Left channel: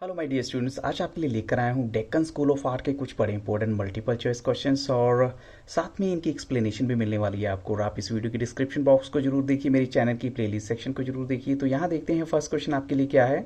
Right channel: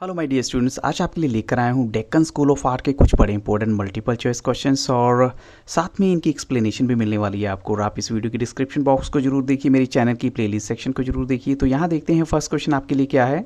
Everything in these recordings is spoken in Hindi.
हेलो माय डियर स्टूडेंट्स, आज आपके लिए लेकर आया हूँ डेक्कन स्कूल ऑफ आर्ट के कुछ बड़े इंपॉर्टेंट मल्टीपल चॉइस क्वेश्चंस और साथ में इनकी एक्सप्लेनेशन भी मिलने वाली है आपको। और आप इस वीडियो की डिस्क्रिप्शन बॉक्स को जरूर देखिए, मेरी चैनल की प्लेलिस्ट सेक्शन को जरूर देखिए। तो यहाँ देखते हैं फर्स्ट क्वेश्चन आपके लिए क्या है।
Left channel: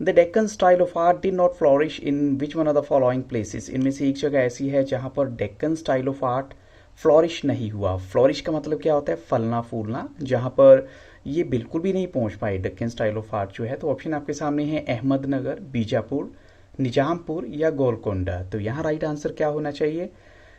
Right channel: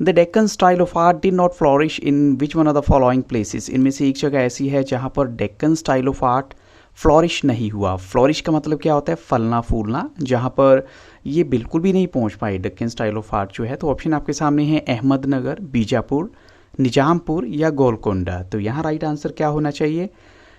The Deccan style of art did not flourish in which one of the following places. इनमें से एक जगह ऐसी है जहाँ पर Deccan style of art flourish नहीं हुआ। फ्लोरिश का मतलब क्या होता है? फलना फूलना, जहाँ पर ये बिल्कुल भी नहीं पहुँच पाए डेक्कन स्टाइल ऑफ आर्ट जो है। तो ऑप्शन आपके सामने है अहमदनगर, बीजापुर, निजामपुर या गोलकोंडा। तो यहाँ राइट आंसर क्या होना चाहिए?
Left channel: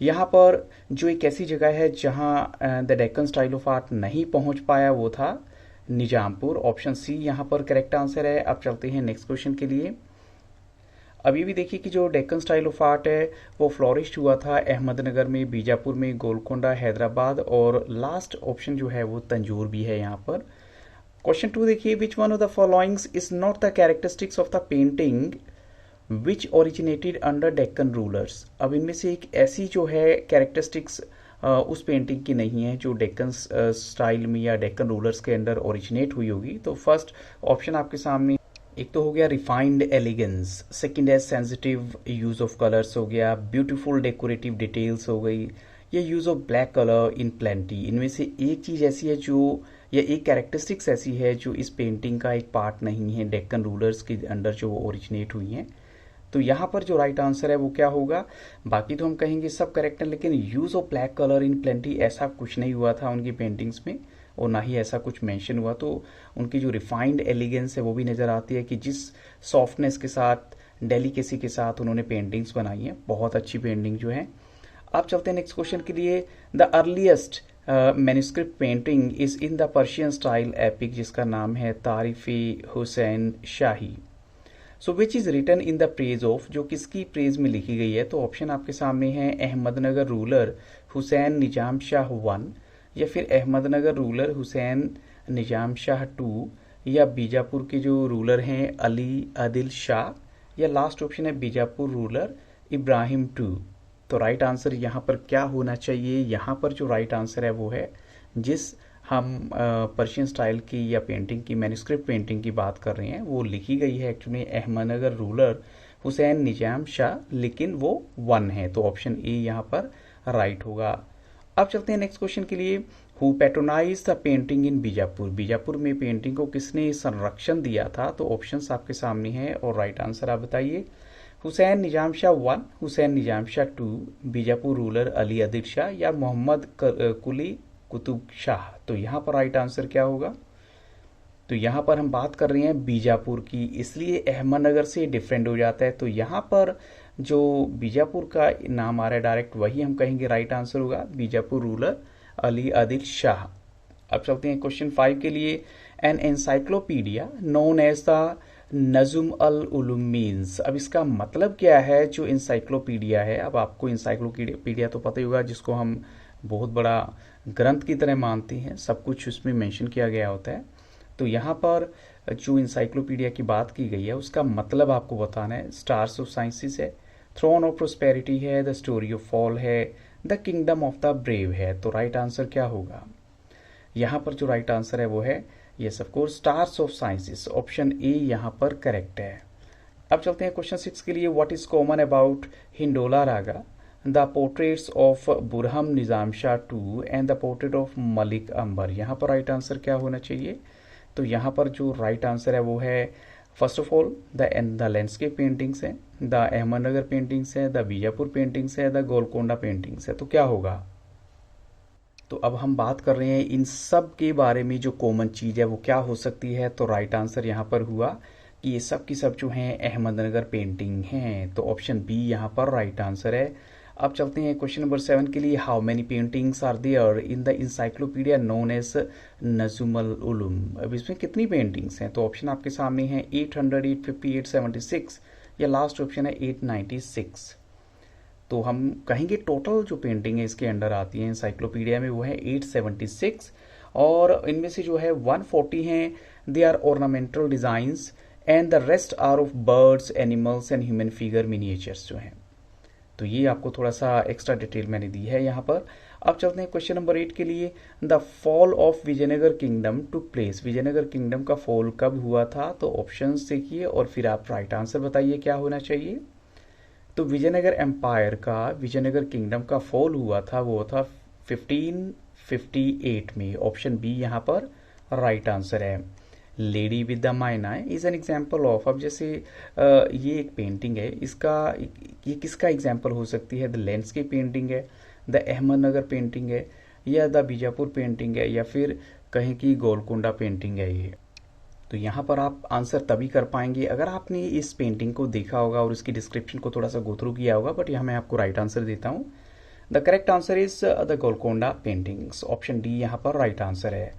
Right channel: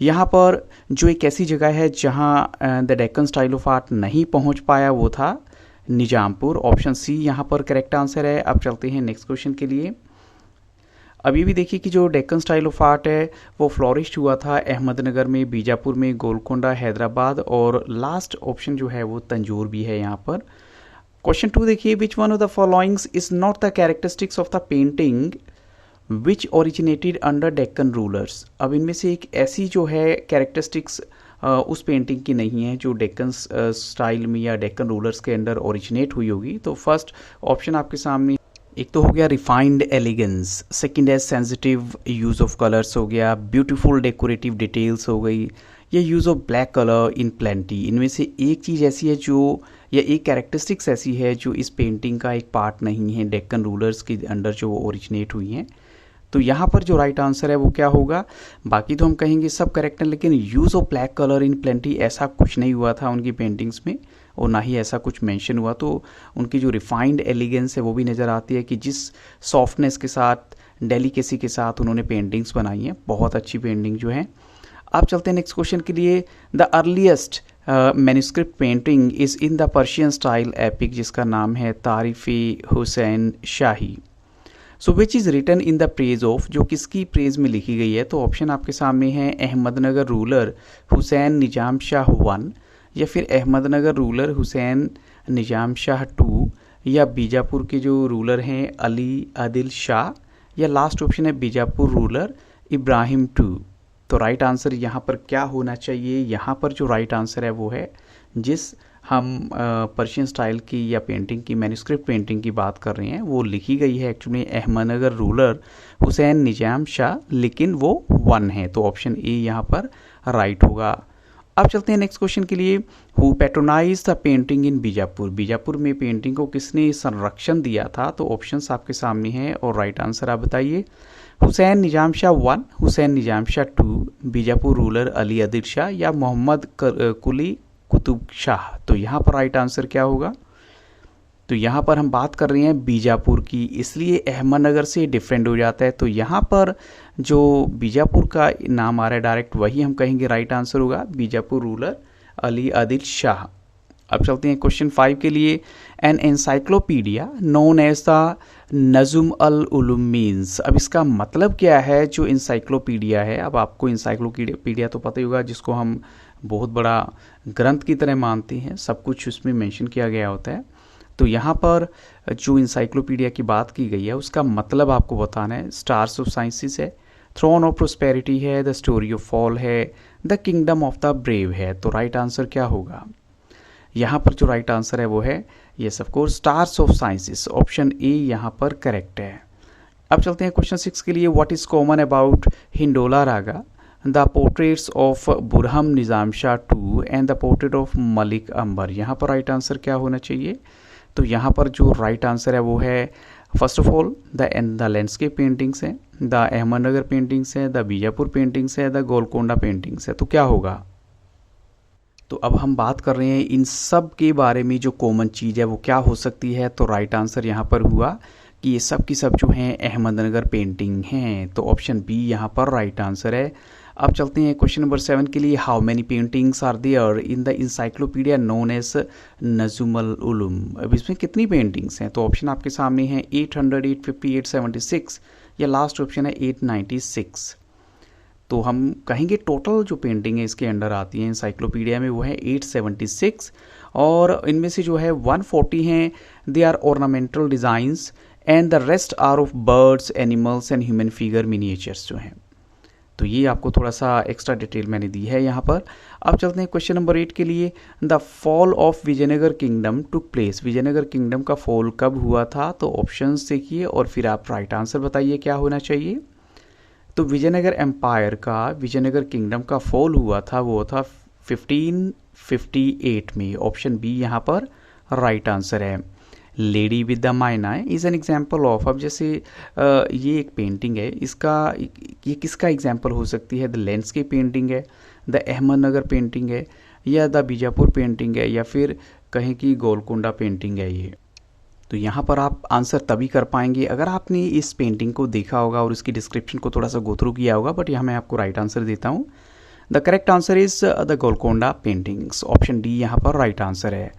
यहाँ पर जो एक ऐसी जगह है जहाँ the Deccan style of art नहीं पहुँच पाया वो था निजामपुर। ऑप्शन सी यहाँ पर करेक्ट आंसर है। अब चलते हैं नेक्स्ट क्वेश्चन के लिए। अभी भी देखिए कि जो डेक्कन स्टाइल ऑफ आर्ट है वो फ्लोरिश हुआ था अहमदनगर में, बीजापुर में, गोलकोंडा, हैदराबाद और लास्ट ऑप्शन जो है वो तंजौर भी है यहाँ पर। क्वेश्चन 2 देखिए, which one of the followings is not the characteristics of the painting which originated under Deccan rulers. अब इनमें से एक ऐसी जो है कैरेक्टरिस्टिक्स उस पेंटिंग की नहीं है जो डेक्कन स्टाइल में या डेक्कन रूलर्स के अंडर ओरिजिनेट हुई होगी। तो फर्स्ट ऑप्शन आपके सामने एक तो हो गया रिफाइंड एलिगेंस, सेकंड है सेंसिटिव यूज़ ऑफ कलर्स हो गया, ब्यूटीफुल डेकोरेटिव डिटेल्स हो गई, या use of black colour in plenty. इनमें से एक चीज़ ऐसी है जो, या एक कैरेक्टरिस्टिक्स ऐसी है जो इस पेंटिंग का एक पार्ट नहीं है, डेक्कन रूलर्स के अंडर जो ओरिजिनेट हुई हैं। तो यहाँ पर जो राइट आंसर है वो क्या होगा? बाकी तो हम कहेंगे सब करेक्ट है, लेकिन use of black colour in plenty ऐसा कुछ नहीं हुआ था उनकी पेंटिंग्स में, और ना ही ऐसा कुछ मेंशन हुआ। तो उनकी जो रिफाइंड एलिगेंस है वो भी नज़र आती है कि जिस सॉफ्टनेस के साथ, डेलिकेसी के साथ उन्होंने पेंटिंग्स बनाई हैं, बहुत अच्छी पेंटिंग जो है। आप चलते हैं नेक्स्ट क्वेश्चन के लिए। The earliest manuscript painting is in the Persian style epic, जिसका नाम है Tarifi Hussain Shahi. So which is written in the praise of, जो किसकी प्रेज में लिखी गई है? तो ऑप्शन आपके सामने है अहमदनगर रूलर हुसैन निजाम शाह 1, या फिर अहमदनगर रूलर हुसैन निजाम शाह 2, या बीजापुर के जो रूलर हैं अली आदिल शाह, या लास्ट ऑप्शन है बीजापुर रूलर इब्राहिम 2। तो राइट आंसर यहाँ पर क्या होना चाहिए? यहाँ पर जो राइट आंसर है वो है, जिस हम पर्शियन स्टाइल की या पेंटिंग की, मैन्युस्क्रिप्ट पेंटिंग की बात कर रहे हैं, वो लिखी गई है एक्चुअली अहमदनगर रूलर हुसैन निजाम शाह, लेकिन वो 1 है। तो ऑप्शन ए यहाँ पर राइट होगा। अब चलते हैं नेक्स्ट क्वेश्चन के लिए। Who patronise the painting in Bijapur, Bijapur में पेंटिंग को किसने संरक्षण दिया था? तो ऑप्शंस आपके सामने हैं और राइट आंसर आप बताइए। हुसैन निजाम शाह 1, हुसैन निजाम शाह 2, बीजापुर रूलर अली आदिल शाह, या मोहम्मद कुली कुतुब शाह। तो यहाँ पर राइट आंसर क्या होगा? तो यहाँ पर हम बात कर रहे हैं बीजापुर की, इसलिए अहमदनगर से डिफरेंट हो जाता है। तो यहाँ पर जो बीजापुर का नाम आ रहा है डायरेक्ट, वही हम कहेंगे राइट आंसर होगा, बीजापुर रूलर अली आदिल शाह। अब चलते हैं क्वेश्चन 5 के लिए। An encyclopedia known as the Nujum al Ulum means. अब इसका मतलब क्या है जो इंसाइक्लोपीडिया है? अब आपको इंसाइक्लोपीडिया तो पता ही होगा, जिसको हम बहुत बड़ा ग्रंथ की तरह मानते हैं, सब कुछ उसमें मेंशन किया गया होता है। तो यहाँ पर जो इंसाइक्लोपीडिया की बात की गई है उसका मतलब आपको बताना है। स्टार्स ऑफ साइंसेस है, थ्रोन ऑफ प्रोस्पेरिटी है, द स्टोरी ऑफ फॉल है, the kingdom of the brave है। तो राइट आंसर क्या होगा? यहाँ पर जो राइट आंसर है वो है yes of course stars of sciences. Option A यहाँ पर करेक्ट है। अब चलते हैं क्वेश्चन 6 के लिए। What is common about Hindola raga, the portraits of Burhan Nizam Shah 2 and the portrait of Malik Ambar. यहाँ पर राइट आंसर क्या होना चाहिए? तो यहाँ पर जो राइट आंसर है वो है first of all the landscape paintings है, द अहमदनगर पेंटिंग्स है, द बीजापुर पेंटिंग्स है, द गोलकोंडा पेंटिंग्स है। तो क्या होगा? तो अब हम बात कर रहे हैं इन सब के बारे में, जो कॉमन चीज़ है वो क्या हो सकती है? तो राइट आंसर यहाँ पर हुआ कि ये सब की सब जो हैं अहमदनगर पेंटिंग हैं। तो ऑप्शन बी यहाँ पर राइट आंसर है। अब चलते हैं क्वेश्चन नंबर 7 के लिए। How many paintings are there in the encyclopedia known as Nujumul Ulum. अब इसमें कितनी पेंटिंग्स हैं? तो ऑप्शन आपके सामने हैं 800, 850, 876, या लास्ट ऑप्शन है 896। तो हम कहेंगे टोटल जो पेंटिंग है इसके अंडर आती है इंसाइक्लोपीडिया में वो है 876, और इनमें से जो है 140 हैं they are ornamental designs and the rest are of birds, animals and human figure miniatures जो हैं। तो ये आपको थोड़ा सा एक्स्ट्रा डिटेल मैंने दी है यहाँ पर। अब चलते हैं क्वेश्चन नंबर 8 के लिए। The fall of Vijayanagara kingdom took place, Vijayanagara kingdom का फॉल कब हुआ था? तो ऑप्शंस देखिए और फिर आप राइट आंसर बताइए क्या होना चाहिए। तो विजयनगर एम्पायर का, विजयनगर किंगडम का फॉल हुआ था, वो था 1558 में। ऑप्शन बी यहाँ पर राइट आंसर है। लेडी विद द माइना इज़ एन एग्जाम्पल ऑफ, अब जैसे ये एक पेंटिंग है, इसका ये किसका एग्जाम्पल हो सकती है? द लैंडस्केप पेंटिंग है, द अहमदनगर पेंटिंग है, या द बीजापुर पेंटिंग है, या फिर कहें कि गोलकोंडा पेंटिंग है ये। तो यहाँ पर आप आंसर तभी कर पाएंगे अगर आपने इस पेंटिंग को देखा होगा और उसकी डिस्क्रिप्शन को थोड़ा सा गो थ्रू किया होगा, बट यहाँ मैं आपको राइट आंसर देता हूँ। The correct answer is the Golconda paintings. Option D यहाँ पर राइट आंसर है।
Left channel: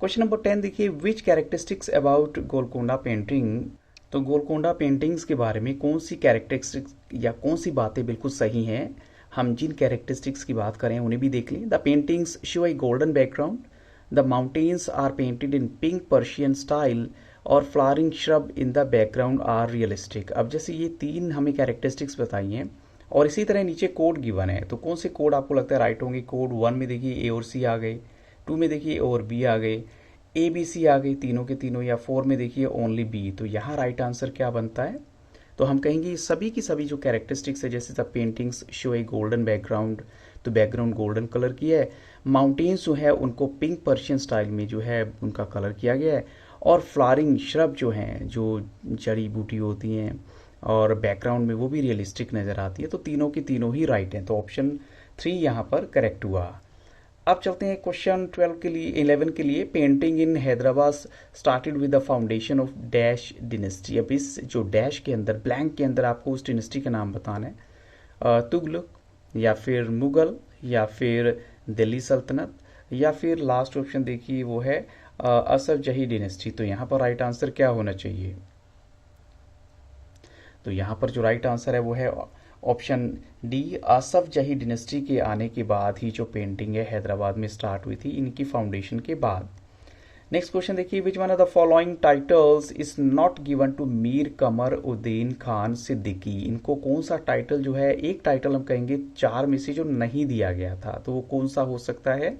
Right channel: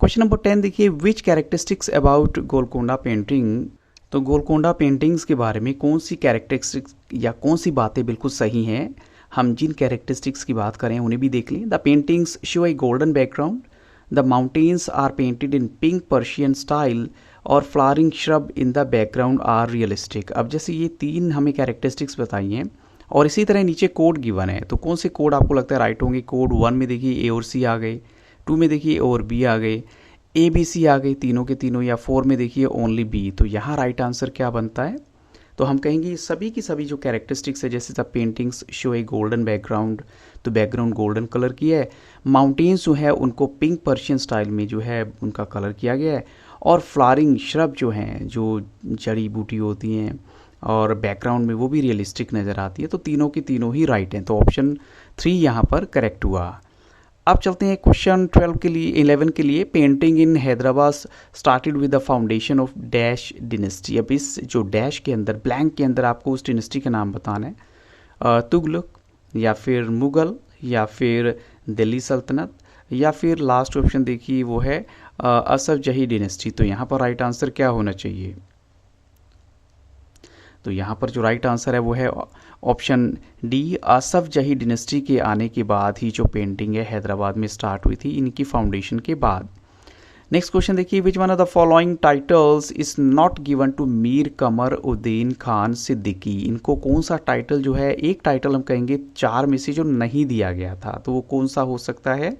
क्वेश्चन नंबर 10 देखिए, विच कैरेक्टरिस्टिक्स अबाउट गोलकोंडा पेंटिंग, तो गोलकोंडा पेंटिंग्स के बारे में कौन सी कैरेक्टरिस्टिक्स या कौन सी बातें बिल्कुल सही हैं? हम जिन कैरेक्टरिस्टिक्स की बात करें उन्हें भी देख लें। The paintings show a golden background, the mountains are painted in pink Persian style, और flowering shrub in the background are realistic. अब जैसे ये तीन हमें कैरेक्टरिस्टिक्स बताई हैं और इसी तरह नीचे कोड गिवन है, तो कौन से कोड आपको लगता है राइट होंगे? कोड 1 में देखिए ए और सी आ गए, 2 में देखिए ए और बी आ गए, ए बी सी आ गई तीनों के तीनों, या 4 में देखिए ओनली बी। तो यहाँ राइट आंसर क्या बनता है? तो हम कहेंगे सभी की सभी जो कैरेक्टरिस्टिक्स है, जैसे the paintings show a golden background, तो बैकग्राउंड गोल्डन कलर की है, माउंटेन्स जो है उनको पिंक पर्शियन स्टाइल में जो है उनका कलर किया गया है, और फ्लावरिंग श्रब जो हैं, जो जड़ी बूटी होती हैं और बैकग्राउंड में, वो भी रियलिस्टिक नज़र आती है। तो तीनों की तीनों ही राइट हैं, तो ऑप्शन 3 यहाँ पर करेक्ट हुआ। अब चलते हैं क्वेश्चन 12 के लिए, 11 के लिए। Painting in Hyderabad started with the foundation of dash dynasty. अब इस जो डैश के अंदर, ब्लैंक के अंदर आपको उस डिनेस्टी का नाम बताना है। तुगलक, या फिर मुगल, या फिर दिल्ली सल्तनत, या फिर लास्ट ऑप्शन देखिए वो है असफ जही डिनेस्टी। तो यहाँ पर राइट आंसर क्या होना चाहिए? तो यहाँ पर जो राइट आंसर है वो है ऑप्शन डी, असफ जही डिनेस्टी के आने के बाद ही जो पेंटिंग है हैदराबाद में स्टार्ट हुई थी, इनकी फाउंडेशन के बाद। नेक्स्ट क्वेश्चन देखिए, which one of the following titles is not given to Mir Qamar Uddin Khan Siddiqui. इनको कौन सा टाइटल जो है, एक टाइटल हम कहेंगे 4 में से जो नहीं दिया गया था, तो वो कौन सा हो सकता है?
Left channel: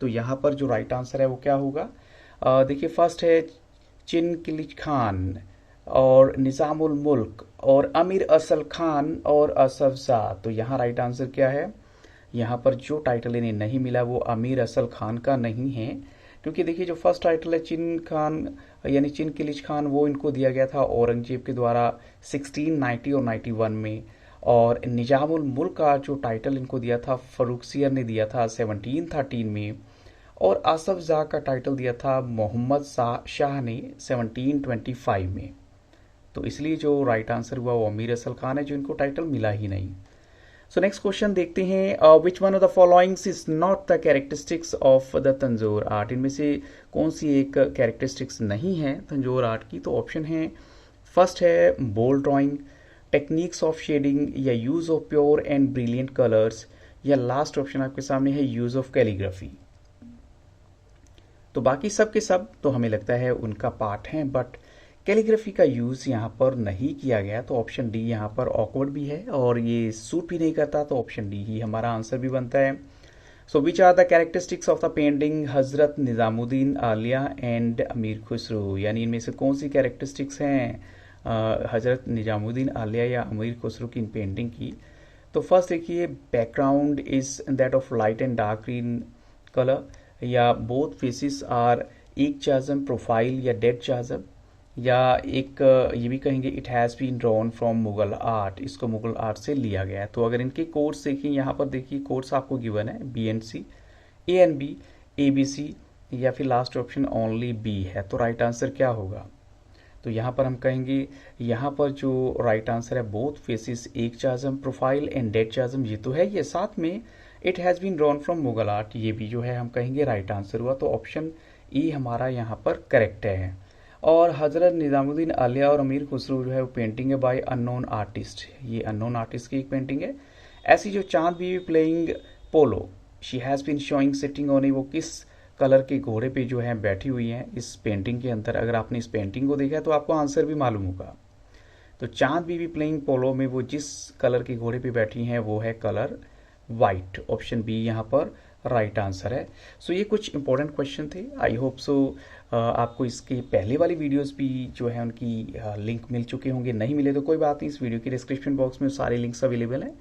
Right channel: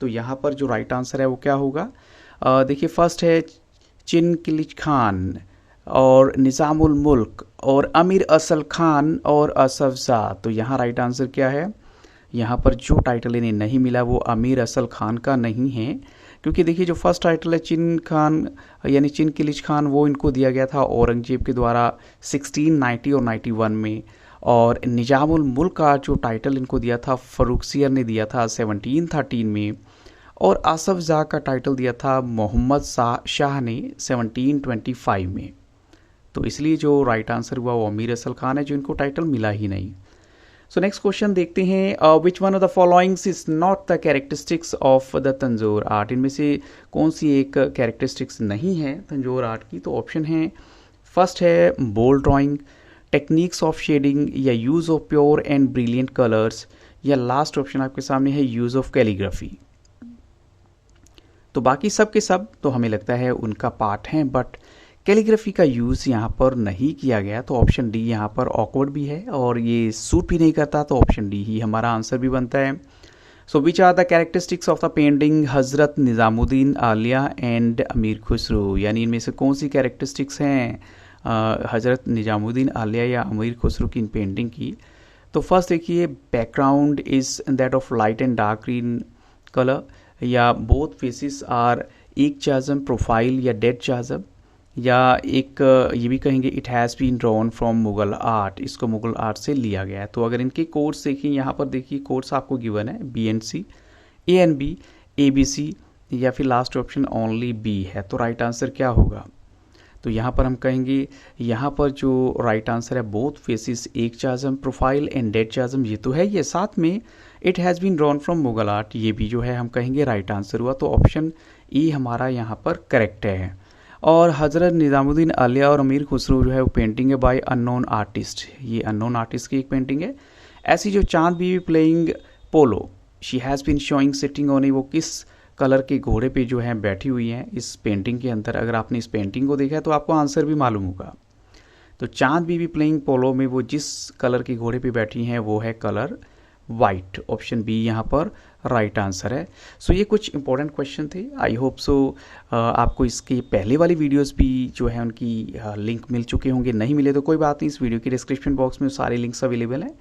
तो यहाँ पर जो राइट आंसर है वो क्या होगा? देखिए फर्स्ट है चिनकिलिज खान, और निज़ामुल मुल्क, और अमीर असल खान, और असफ ज़ा। तो यहाँ राइट आंसर क्या है? यहाँ पर जो टाइटल इन्हें नहीं मिला वो अमीर असल खान का नहीं है, क्योंकि देखिए जो फर्स्ट टाइटल है चिन खान यानी चिनकिलिज खान, वो इनको दिया गया था औरंगजेब के द्वारा 1690 और 91 में, और निज़ामुल मुल्क का जो टाइटल इनको दिया था फरुखसियर ने दिया था 1713 में, और असफ ज़ा का टाइटल दिया था मोहम्मद शाह ने 1725 में। तो इसलिए जो राइट आंसर हुआ वो अमीर असल खान है, जो इनको टाइटल मिला ही नहीं। सो नेक्स्ट क्वेश्चन देखते हैं, विच one of the followings is not the characteristics of the Tanjore art. इनमें से कौन सी एक कैरेक्टरिस्टिक्स नहीं है तंजौर आर्ट की? तो ऑप्शन है, फर्स्ट है bold drawing, techniques of shading, या use of pure and brilliant colours, या लास्ट ऑप्शन आपके सामने है यूज़ ऑफ कैलीग्राफी। तो बाकी सब के सब तो हमें लगता है उनका पार्ट है, बट कैलीग्राफी का यूज़ यहाँ पर नहीं किया गया, तो ऑप्शन डी यहाँ पर ऑकवर्ड भी है और ये सूट भी नहीं करता, तो ऑप्शन डी ही हमारा आंसर भी बनता है। So which are the characteristics of the painting Hazrat Nizamuddin Alia and अमीर खुसरो, यानी इनमें से कौन सी कैरेक्टरिस्टिक्स हैं हज़रत निज़ामुद्दीन आलिया या अमीर खुसरो की इन पेंटिंग की? तो फर्स्ट देखिए, background is that of light and dark green colour, या बोथ फेसिस आर एक चाज़म प्रोफाइल या डेड चाज़म, या एक ये भी कहेंगे it has been drawn from Mughal art, इसको मुग़ल आर्ट से लिया गया है। तो अगर इनके कोड्स देखिए, यहाँ पर देखिए कोड्स आपको गिवन है B and C, A and B, A B C, या फिर लास्ट ऑप्शन ओनली बी है। तो राइट आंसर क्या होगा? तो यहाँ पर हम कहेंगे, यहाँ पर जो राइट आंसर है बोथ फेसिस एक चाज़म प्रोफाइल एंड डेड चाज़म, ये तो है, ये साथ में it has been drawn from Mughal art, ये भी जो है हम कहेंगे राइट आंसर हुआ। तो ऑप्शन ई हमारा यहाँ पर करेक्ट है। और हज़रत निज़ामुद्दीन आलिया और अमीर खुसरो जो है वो पेंटिंग है बाय अननोन आर्टिस्ट, ये अननोन आर्टिस्ट की एक पेंटिंग है। ऐसी जो Chand Bibi playing polo, she has been showing sitting on, वो किस कलर के घोड़े पे जो है बैठी हुई हैं इस पेंटिंग के अंदर? अगर आपने इस पेंटिंग को देखा है तो आपको आंसर भी मालूम होगा। तो चांद बीवी प्लेइंग पोलो में वो जिस कलर के घोड़े पे बैठी हैं वो है कलर वाइट। ऑप्शन बी यहाँ पर राइट आंसर है। सो ये कुछ इंपॉर्टेंट क्वेश्चन थे। आई होप सो आपको इसकी पहले वाली वीडियोस भी जो है उनकी लिंक मिल चुके होंगे। नहीं मिले तो कोई बात नहीं, इस वीडियो की डिस्क्रिप्शन बॉक्स में सारे लिंक्स अवेलेबल हैं।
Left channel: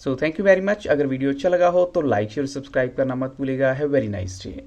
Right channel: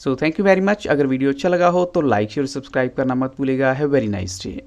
So thank you very much. अगर वीडियो अच्छा लगा हो तो लाइक शेयर सब्सक्राइब करना मत भूलिएगा। Have very nice day.